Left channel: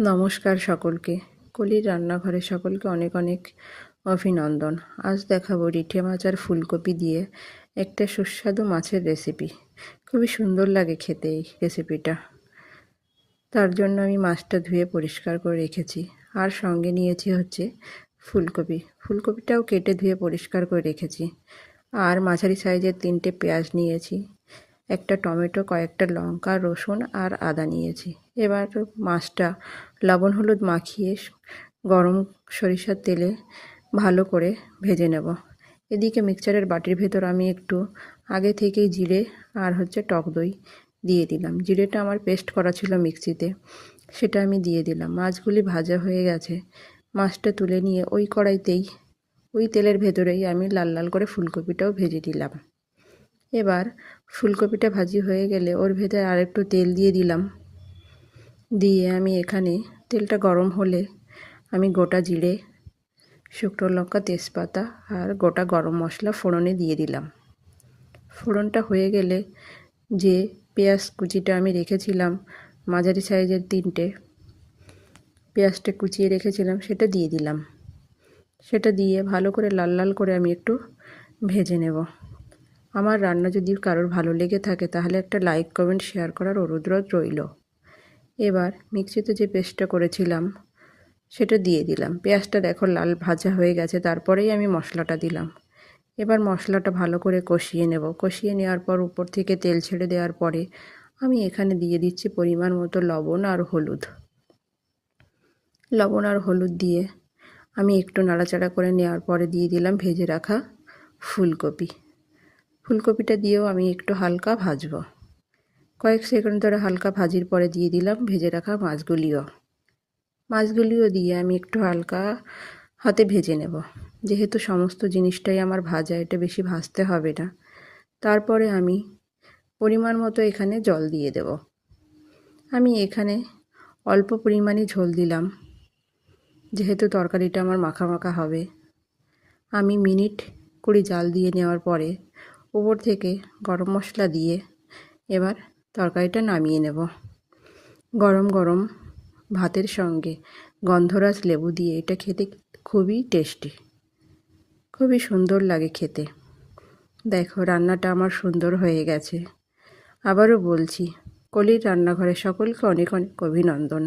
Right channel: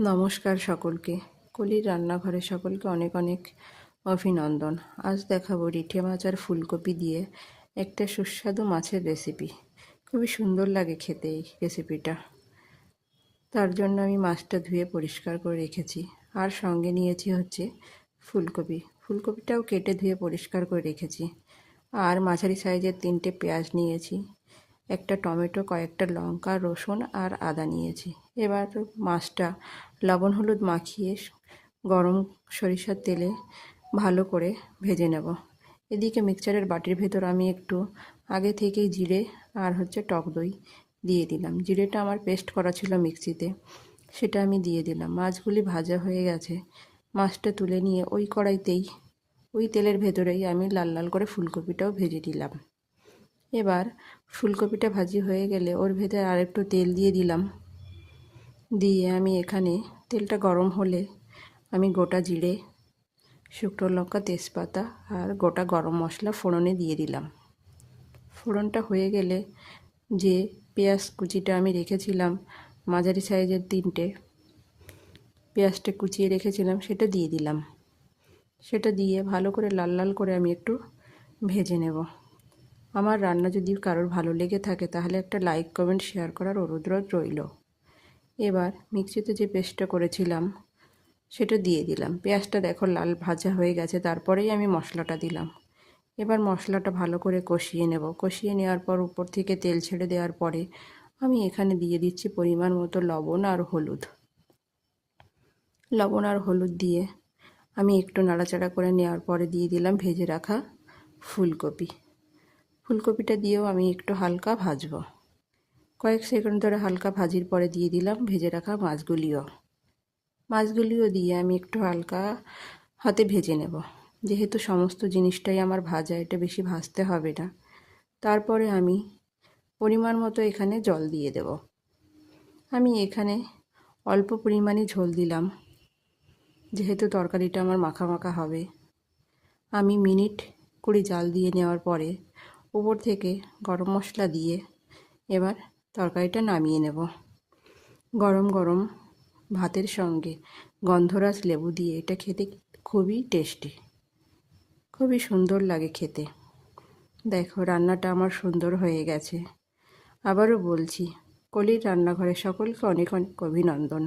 নমস্কার সকলকে। কলির রান্নাঘরে সকলকে অনেক অনেক অভিনন্দন। আজ দেখাবো রিঠে মাছ আর ফুলকপি দিয়ে একটা সুস্বাদু মাছের রেসিপি। খুবই সুন্দর লাগে খেতে এই রেসিপিটা। তার জন্য আমি মাছটা ধুয়ে পরিষ্কার করে রেখেছি, আর সঙ্গে নিয়েছি হচ্ছে ফুলকপিটাও কেটে ধুয়ে পরিষ্কার করে রেখেছি। আর মাঝারি সাইজের 3টে পেঁয়াজ নিয়েছি, একটা টমেটো, কয়েকটা লঙ্কা, রসুন আর আদা নিয়েছি। এবার মাছটা লবণ হলুদ মাখিয়ে গরম সরিষার তেলে ভালো করে ভেজে নেব। এদিকে মিক্সচারের বাটির ভেতর আমি একটু আগে থেকেই জিরে আর টক দই দিয়ে দিলাম। জিরেটা আমার পেস্ট করা ছিল মিক্সিতে, সেটা আমি দিয়ে দিলাম। মাছগুলি ভাজা হয়ে গেছে, মাছটা তুলে নিয়ে ওই কড়াইতেই, ওই তেলের ভেতরেই আমি লাল লাল করে ফুলকপিটাও ভেজে দিলাম। এবার ফুলকপিটা ভাজি হয়ে গেলে ওর ভেতরে আরেকটু তেল দিয়ে দিলাম। দিয়ে আমি এখানে তেলটা গরম হলে আমি গোটা জিরে, শুকনো লঙ্কা, তেজপাতা আর গোটা গরম মশলা ফোড়নে দিয়ে দিলাম। ফোড়নটা হয়ে গেলে যে পেঁয়াজ কুচিটা আমি রেখেছিলাম, মাঝারি সাইজের 3টে পেঁয়াজটা কুচিয়ে রেখেছিলাম, সেটা দিয়ে দিলাম। সেটা দিয়ে ভালো করে লাল লাল করে আমি একটু ভেজে নেব। আমার রান্না যদি কারোর ভালো লেগে থাকে তাহলে একটা লাইক, কমেন্ট, শেয়ার করার অনুরোধ রইল। এবার মিক্সিতে যে পেস্টটা করেছিলাম সেটা দিয়ে দিলাম। পেঁয়াজটা দেখো লাল ভাজা হয়ে গেছে, তারপরেই আমি মশলাটা দিলাম। এবার মশলাটা ভালো করে কষিয়ে নেব। কষিয়ে নেওয়ার পর উপর থেকে তেল ছেড়ে দেওয়ার পরে আমি এখানে দিয়ে দিচ্ছি পরিমাণ মতো লবণ আর হলুদ। লবণ আর হলুদ দিয়ে আমি একটু নাড়াচাড়া করে নেওয়ার পরে দিয়ে দিলাম ভেজে রাখা ফুলকপিটা দিয়েও আমি একটু হালকা ভাজবো। কয়েক সেকেন্ড ধরে হালকা ভাজির পরে দিয়ে দিলাম ভেজে রাখা মাছগুলিও দিয়ে আমি একটু হালকা হাতে ভেজে নেব। যেহেতু সমস্ত জিনিসটাই আমার ভাজা, এটা বেশি ভাজতে হবে না। তারপরে আমি পরিমাণ মতো এখানে জল দিয়ে দেব। আমি এখানে অল্প পরিমাণে ঝোল দিলাম, যেহেতু তরকারিটা আমার মাখা মাখা হবে। আমি মিনিট 20 জাল দিয়ে নেওয়ার পরে উপর থেকে গরম মশলা দিয়ে এবার তরকারিটা নামিয়ে নেব। গরম গরম ভাতের সঙ্গে গন্ধরাজ লেবু দিয়ে এটা খেতে খুবই টেস্টি, খুবই সুন্দর লাগে খেতে। দেখো রান্নাটা আমার সুন্দর হয়ে গেছে। আবারও বলছি, কলির রান্নাঘরে সকলকে অনেক অনেক অভিনন্দন।